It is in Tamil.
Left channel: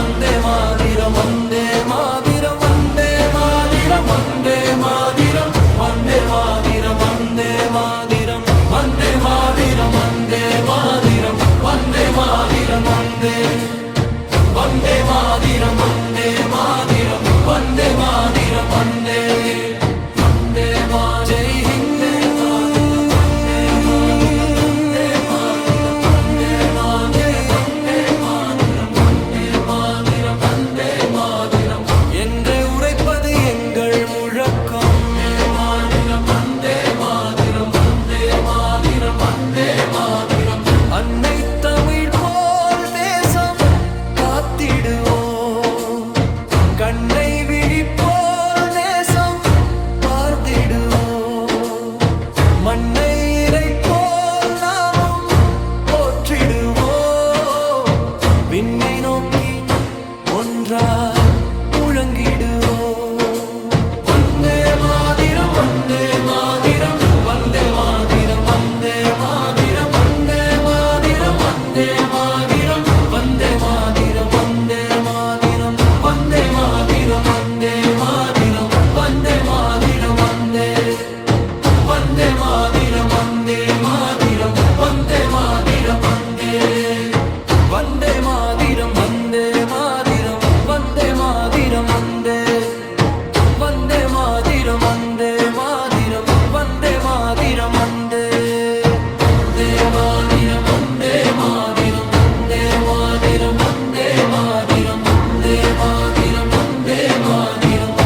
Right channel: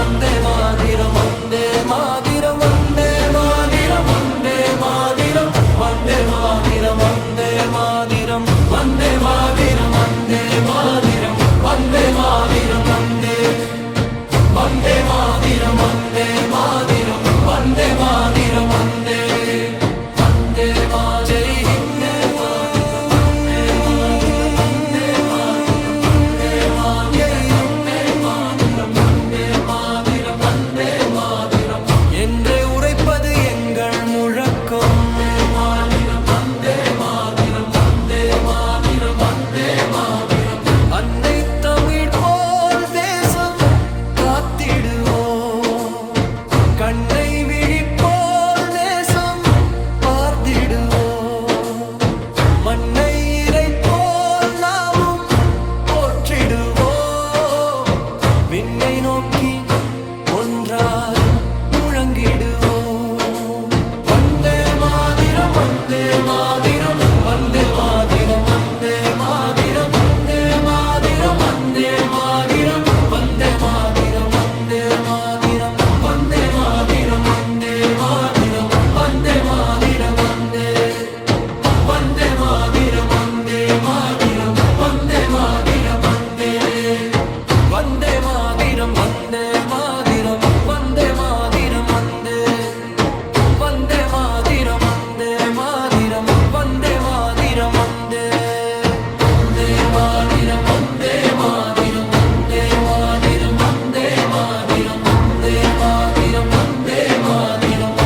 வந்தே மாதிரம் வந்தே மாதிரம் வந்தே மாதிரம் வந்தே மாதிரம் வந்தே மாதிரம் வந்தே மாதிரம் வந்தே மாதிரம் வந்தே மாதிரம் வந்தே மாதிரம் வந்தே வந்தே மாதிரம் வந்தே மாதிரம் வந்தே மாதிரம் வந்தே ஜெய் ஹிந்த் என்றே உரைப்பது எங்கள் முழக்கம் அன்னை தமிழ் போல் தேசம் காத்திடுவோம் கண்ணை விழிப்போல் நேசம் பார்த்திடுவோம் மண்ணை இறை போல் நாமும் போற்றிடுவோம் விண்ணை நோக்கி ஒன்றாய் முழங்கிடுவோம் வந்தே மாதிரம் வந்தே மாதிரம் வந்தே மாதிரம் வந்தே மாதிரம் வந்தே மாதிரம் வந்தே மாதிரம் வந்தே மாதிரம் வந்தே மாதிரம் வந்தே மாதிரம் வந்தே மாதிரம் வந்தே மாதிரம் வந்தே வந்தே மாதிரம் வந்தே மாதிரம் வந்தே மாதிரம் வந்தே வந்தே மாதிரம் வந்தே மாதிரம் வந்தே மாதிரம் வந்தே வந்தே மாதிரம் வந்தே மாதிரம் வந்தே மாதிரம் வந்தே வந்தே மாதிரம் வந்தே மாதிரம் வந்தே மாதிரம் வந்தே மாதிரம் வந்தே மாதிரம் வந்தே மாதிரம்